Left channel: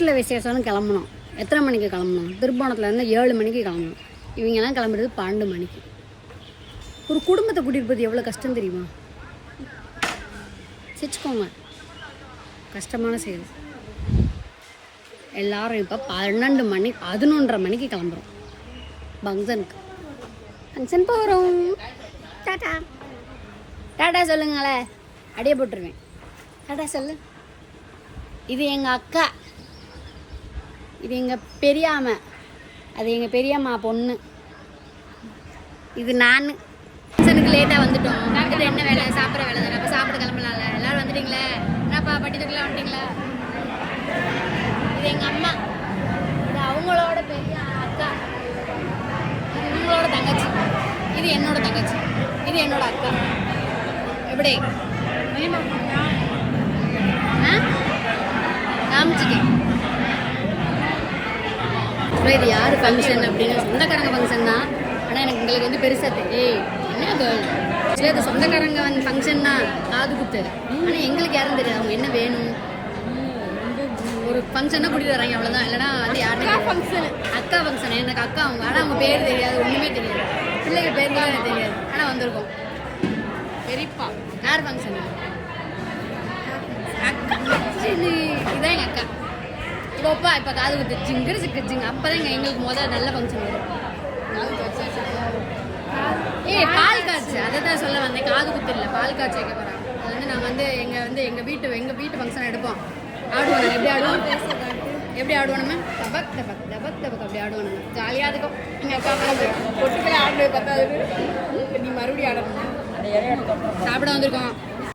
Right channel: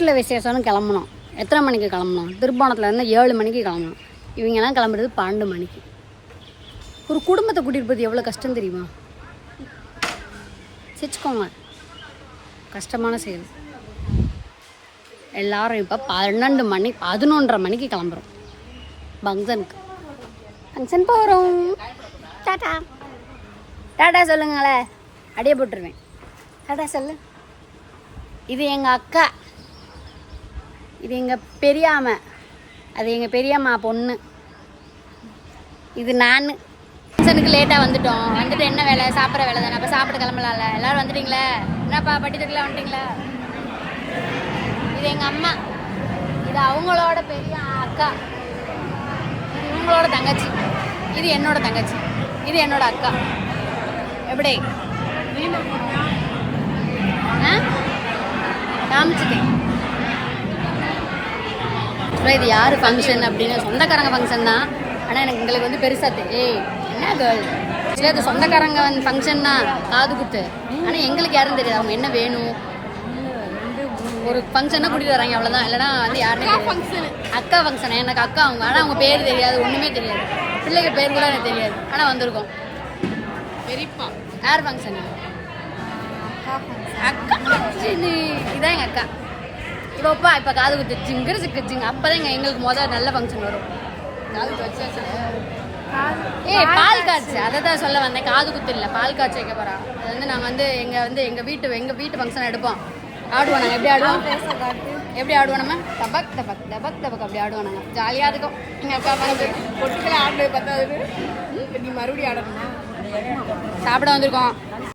வீட்டில் விசேஷம்னு கிளம்பணும். எத்தனை மணிக்கு கிளம்பணும்? திருப்போணத்தில் இருந்தால் 7 மணிக்கு கிளம்பணும். இவங்கெல்லாம் கிளம்புறது 12 மணிக்கு. ஒரு குடும்பத்தை கூட்டிகிட்டு போகிறது எவ்வளோ கஷ்டம் தெரியுமா? சிரிச்சுக்கோங்க, கஷ்டமான செயல். எல்லாரும் இப்போ 12 மணி 11:30 மணிக்கு கிளம்புறோம் ஃபங்க்ஷனுக்கு. ஃபங்க்ஷன் போகிறோம். டாட்டா டாட்டா சொல்லுங்களே, அடியே போட்டுருவேன். டாட்டா சொல்லு. இது எங்கள் அக்கா, இது எங்கள் பெரியாமை, அது எங்கள் பெரியம்மா பொண்ணு, இது நான். ஃபங்க்ஷனுக்கு லேட்டாக வந்துட்டோம். வந்துட்டு என்ன வேலை? சாப்பிட்ற வேலை தானே. அப்போ சாப்பிட கிளம்பலாம்ல. எல்லோரும் வந்துட்டீங்களா? என்னப்பா பட்டித்துக்குலாம் வந்துட்டீங்களா? இது எங்கள் அம்மா, இது அவங்களோட பெரிய அக்கா, இவங்களோட தங்கச்சி, இது என்னோட தங்கச்சி, இது என்னோட அக்கா. எப்படி காமிச்சிட்டேன். இது யார் ஃபங்க்ஷன் அப்படின்னா சொந்தக்காரங்க ஃபங்க்ஷன் தான். ஆனால் எங்களுக்கு வந்து பெருசாக தெரியும். என்ன கேர்ள் சரி, அது சொந்தக்காரங்க வந்து ஃபங்க்ஷன் தான், காது குத்து. ஆனால் எங்களுக்கு யாரும் தெரியாது அவங்க என்ன வேணும். ஒரு ஃபங்க்ஷனாக கூட்டிகிட்டு வராங்க, அவ்வளோதான். இல்லைனா வந்து யாருமே ஃபங்க்ஷன், அக்கா ஃபங்க்ஷன். எனக்கு அக்கா அவங்க, ஆனால் அவங்க பேர் தெரியாது, ஒன்றுமே தெரியாது. பிள்ளைங்க பேர் கூட எனக்கு தெரியாது. ஆனால் வந்திருக்கோம். பெரியப்பா யார் ஃபங்க்ஷனு? அக்கா. இதுதான் எங்கள் அக்கா. இப்போப்பா இப்போ காது குத்து ஜிங்கிற சிக்கிச்சிங்க. அப்போ தான் எங்களுக்கு முதல் நல்ல ஃபங்க்ஷன் வரும். காது குத்து பால் காய்ச்சி, அதை தான் சொல்ல வந்தேன். காது குத்து இல்லை, பால் காய்ச்சி வைக்க போகிறான். அது வந்து நான் வந்து எங்கள் வீட்டு ஃபங்க்ஷன் எடுப்போம். ஆடுவோம். நாங்கள் எப்படி ஆடுவோம்? எப்படி ஆடுவோம்? நம்ம தபக் தபக் தபக் தபக் அப்படி ஆடுவோம். நம்ம ஜாலியாக இருக்கும். எங்கள் அப்பா பொட்டுக்கிற ஆடுறது 10வது நீ மறுபடியும் ஆடணும். சாப்பிட வந்திருக்கோம்.